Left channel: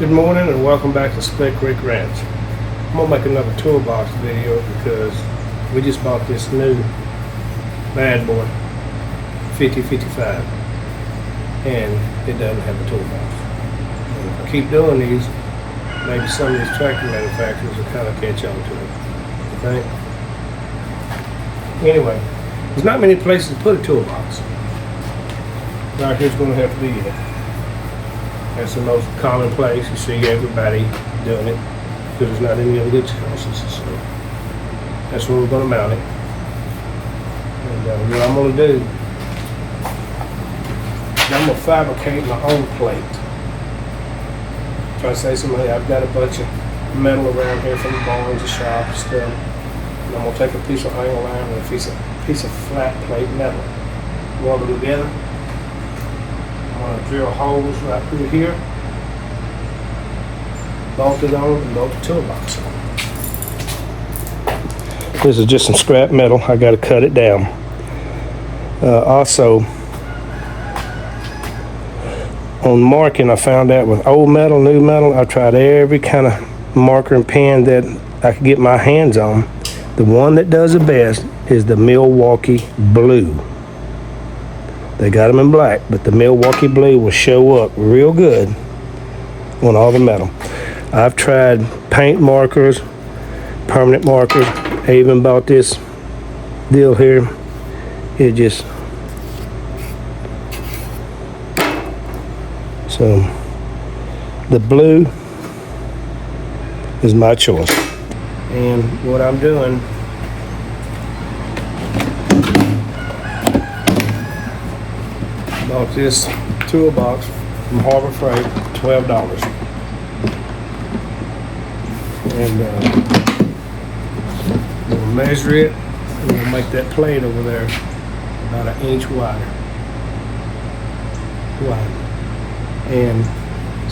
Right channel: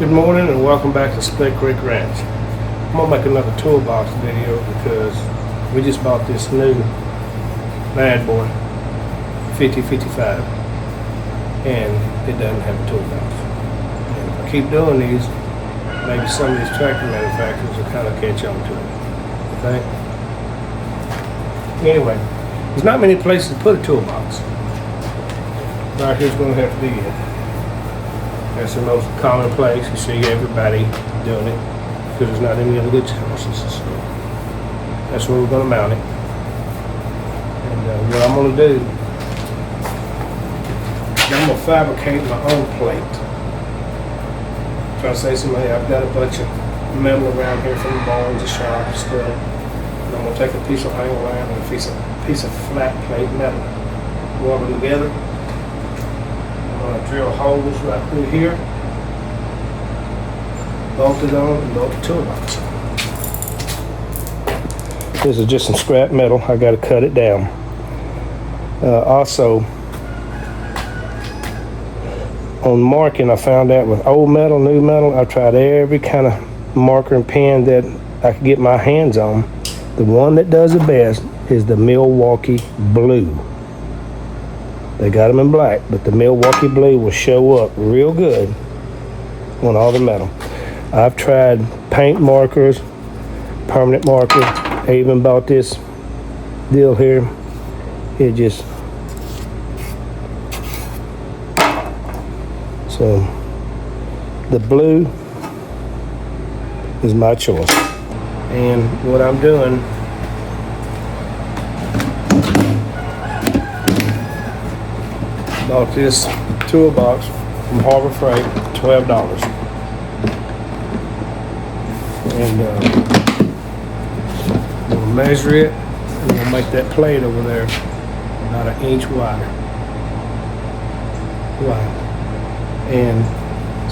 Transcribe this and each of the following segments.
Good morning and welcome back to Split Creek Ranch. I'm gonna make another toolbox video because we just bought this new bad boy 5055 and it doesn't have a toolbox. And if I keep doing these, maybe some of these tractor manufacturers will kind of catch on to it. You think? Anyway, there's not many places to put a toolbox. Right here's gonna have to be it. That's the most common place. You see everybody doing it because there's not any other good choices. So that's where we're going to mount it. And what I'm going to do is I'm going to fabricate my own plate. Try to say somebody, I've got a bunch of metal around here from the barns, the shop, and stuff. And I'm going to take a piece of angle iron and a piece of flat plate metal, weld them together. I'm going to drill holes right through here, bolt it on, and bolt the toolbox on. This is just some scrap metal. I got to cut it down. Also, on marking, I found out with old metal, new metal, I tried every kind of marker and pen that I could get my hands on. The one that does the best is the Milwaukee Blue. They got them in black, but the Milwaukee Blue will show up real good on all the metal. I've tried paint markers, permanent markers. I even bought this deal here. It just, so the blue is my choice. And what I'm doing, bought this toolbox from Harbor Freight, $12. And we'll measure it and we'll make that plate over there about 1 inch wide. And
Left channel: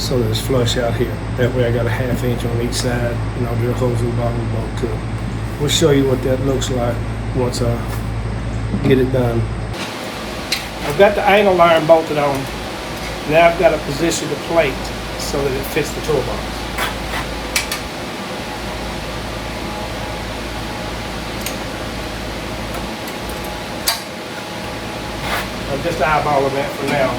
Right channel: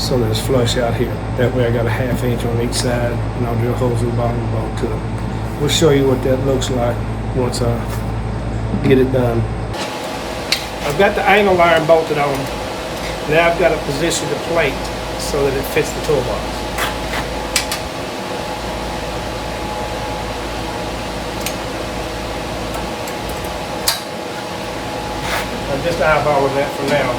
so that it's flush out here. That way I got a 1/2 inch on each side and I'll drill holes in the bottom of the bolt to it. We'll show you what that looks like once I get it done. I've got the angle iron bolted on. Now I've got to position the plate so that it fits the toolbox. I'm just eyeballing that for now.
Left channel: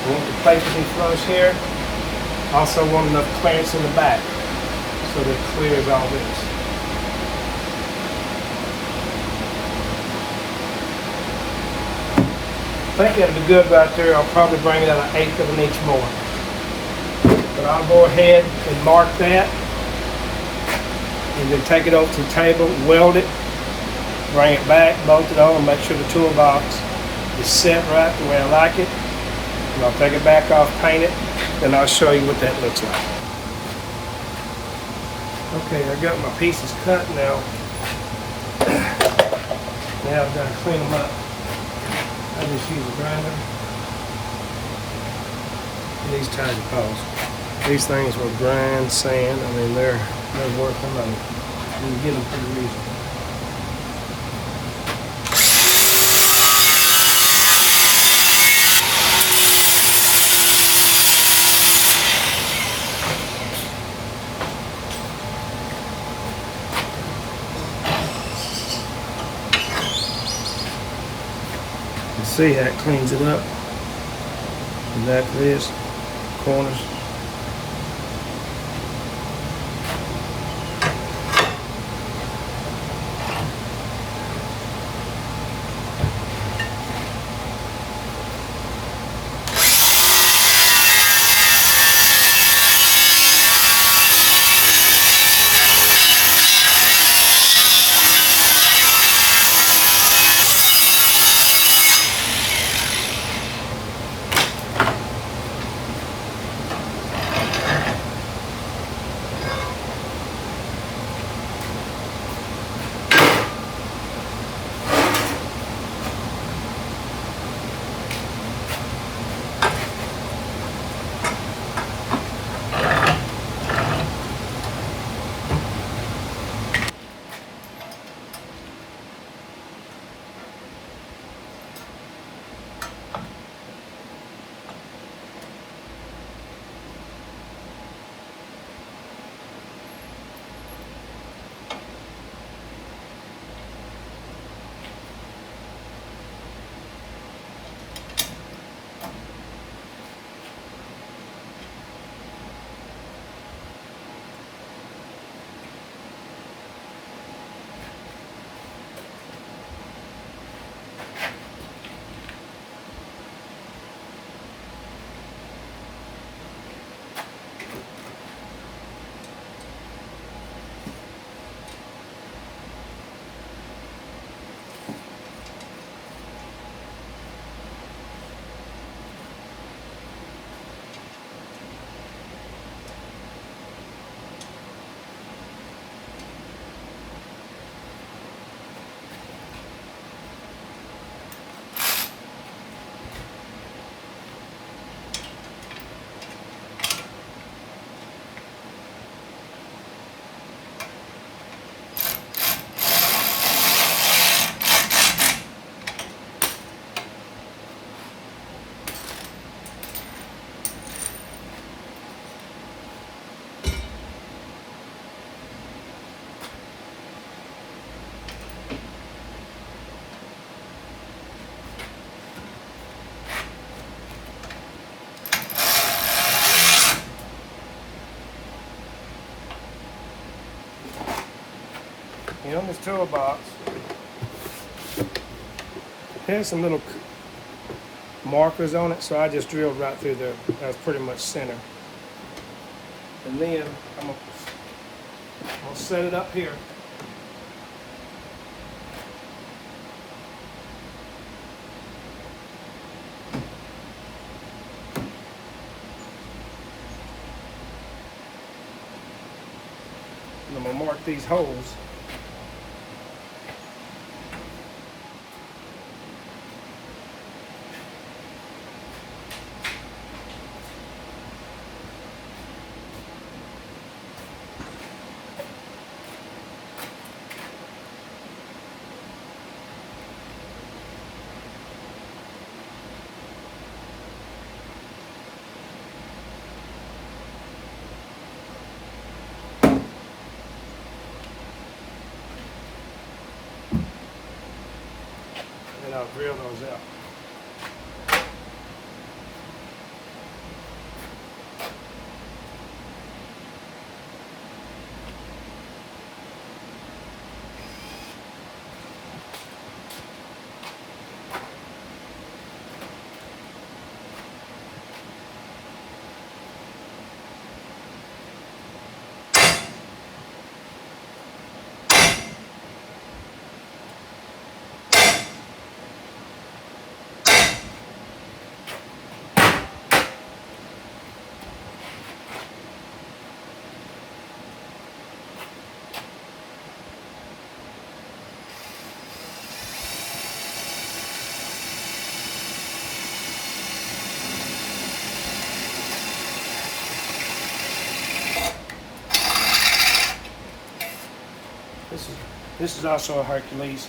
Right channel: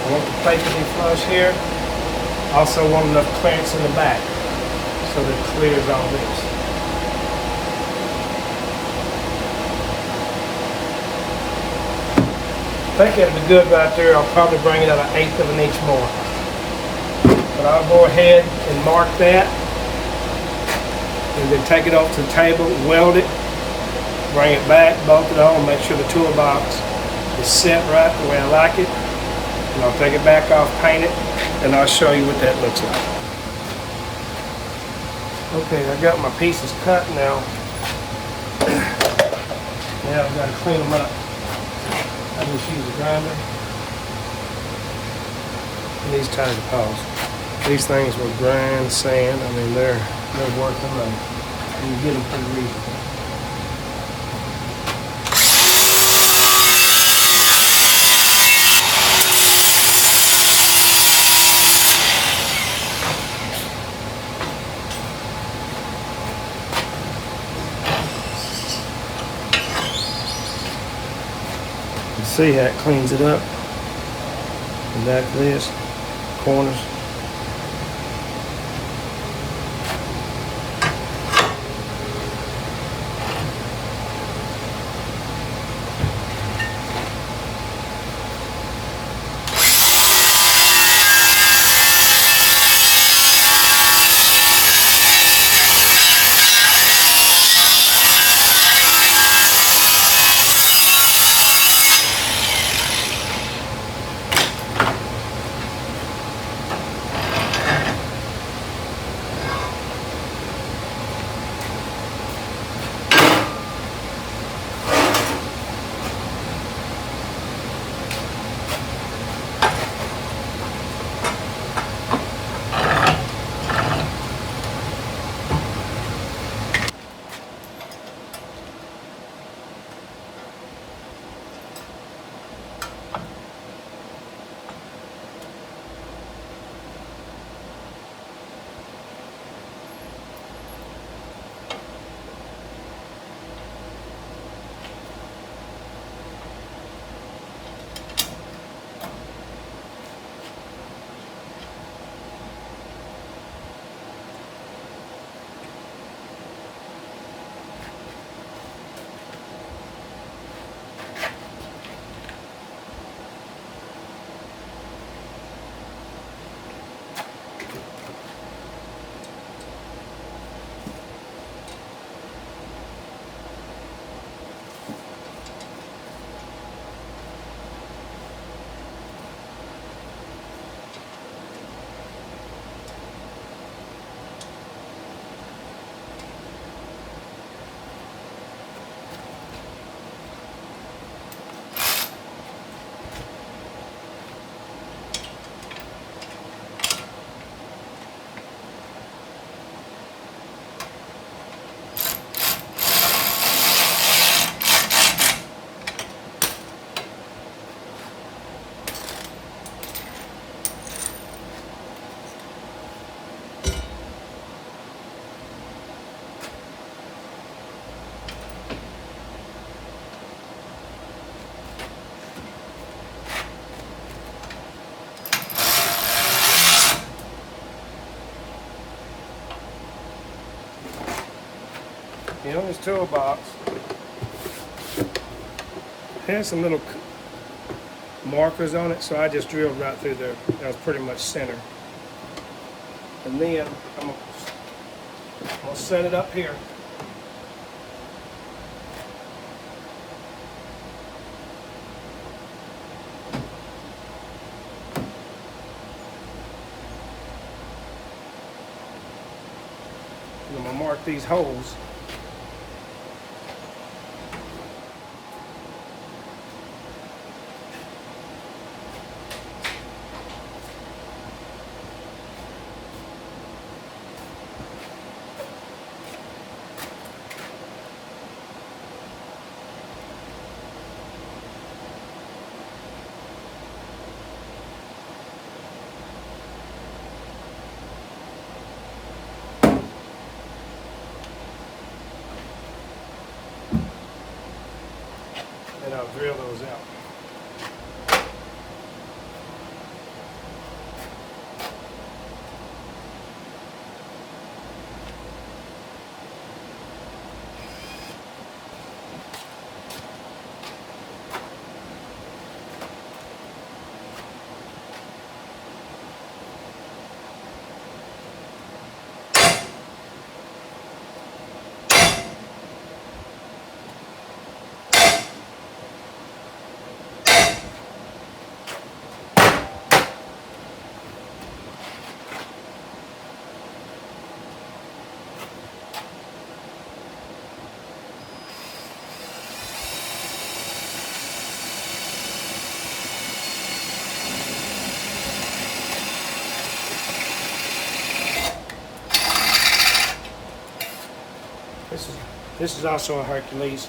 I want the plate to be flush here. I also want enough clearance in the back so that it clears all this. I think that'll be good right there. I'll probably bring it out 1/8 of an inch more. But I'll go ahead and mark that and then take it over to the table, weld it, bring it back, bolt it on, make sure the toolbox is set right the way I like it. And I'll take it back off, paint it, and I'll show you what that looks like. Okay, I got my pieces cut now. Now I've got to clean them up. I just use a grinder. These tied off. These things will grind sand. I mean, they're worth the money. You can get them pretty easy. See how it cleans it up. And back to this, corners. this toolbox. It has some little markers on it, so I just drilled right through there. That was pretty much center. And then I'm gonna set it up here. And I'm gonna mark these holes. And I'll drill those out. This is also a Hercules.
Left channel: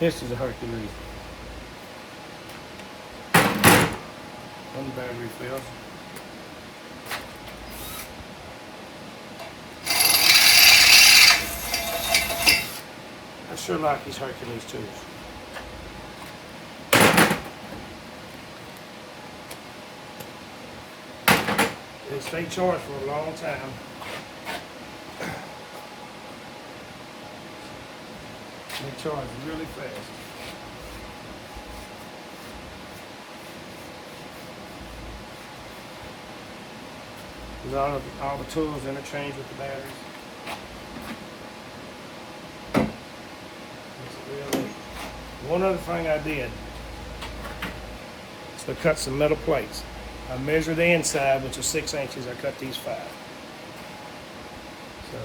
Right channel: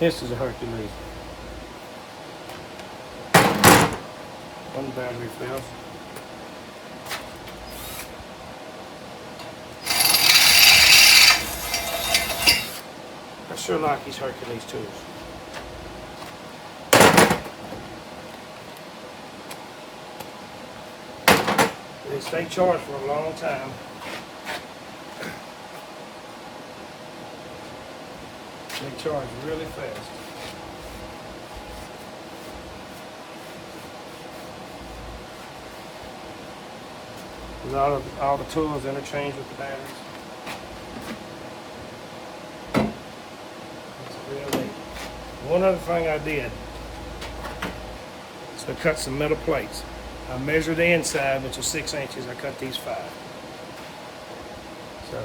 This is a Hercules. One battery fails. I sure like these Hercules tools. They stay charged for a long time. They charge really fast. With all the tools interchanged with the batteries. It's real neat. One other thing I did is to cut some metal plates. I measured the inside, which was 6 inches. I cut these 5. So.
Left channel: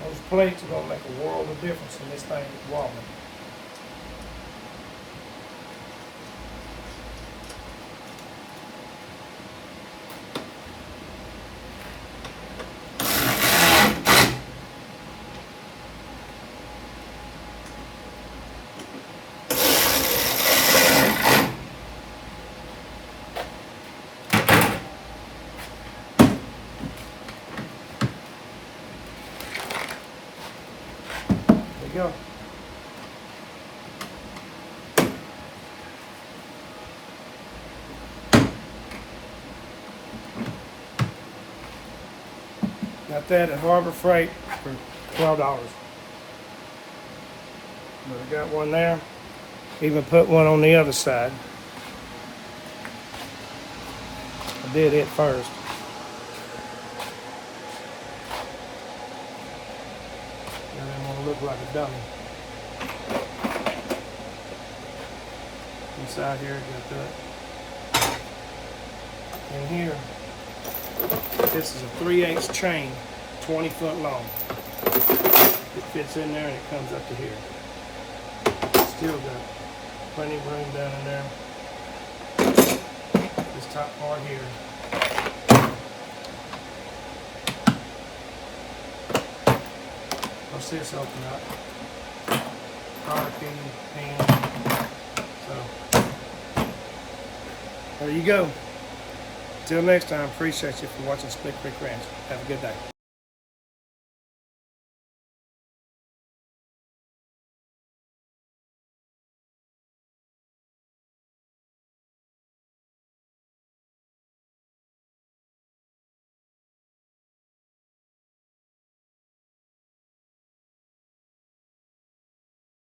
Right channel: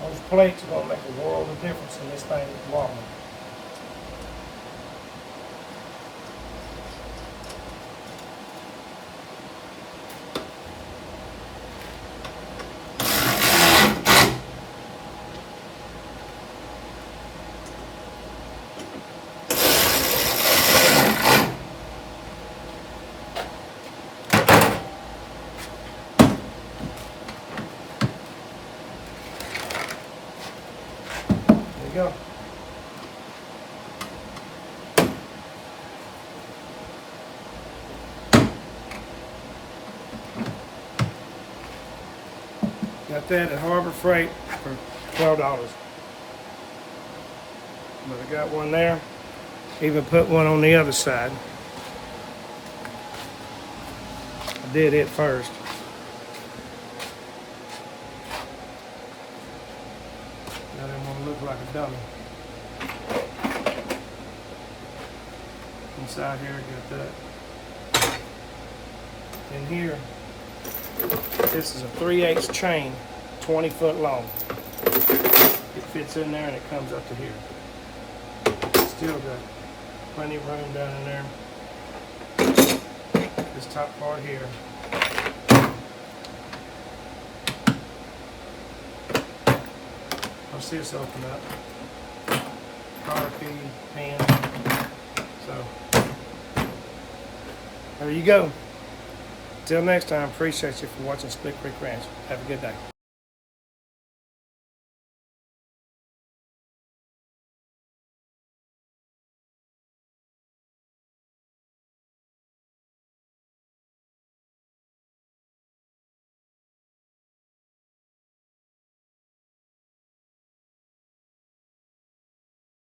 Those plates are going to make a world of difference in this thing wobbling. Go. Got that at Harbor Freight for $12. But I got one there. Even put one on the other side. I did it first. I didn't want to look like a dummy. Inside here, got that. in here, this is a 3/8 chain, 20 foot long. It fits in there and it comes up to here. Still got plenty of room down in there. This top part here. Watch this open up. Power key, pen. So, there you go. Till next time, appreciate you for watching Split Creek Ranch. Have a good day.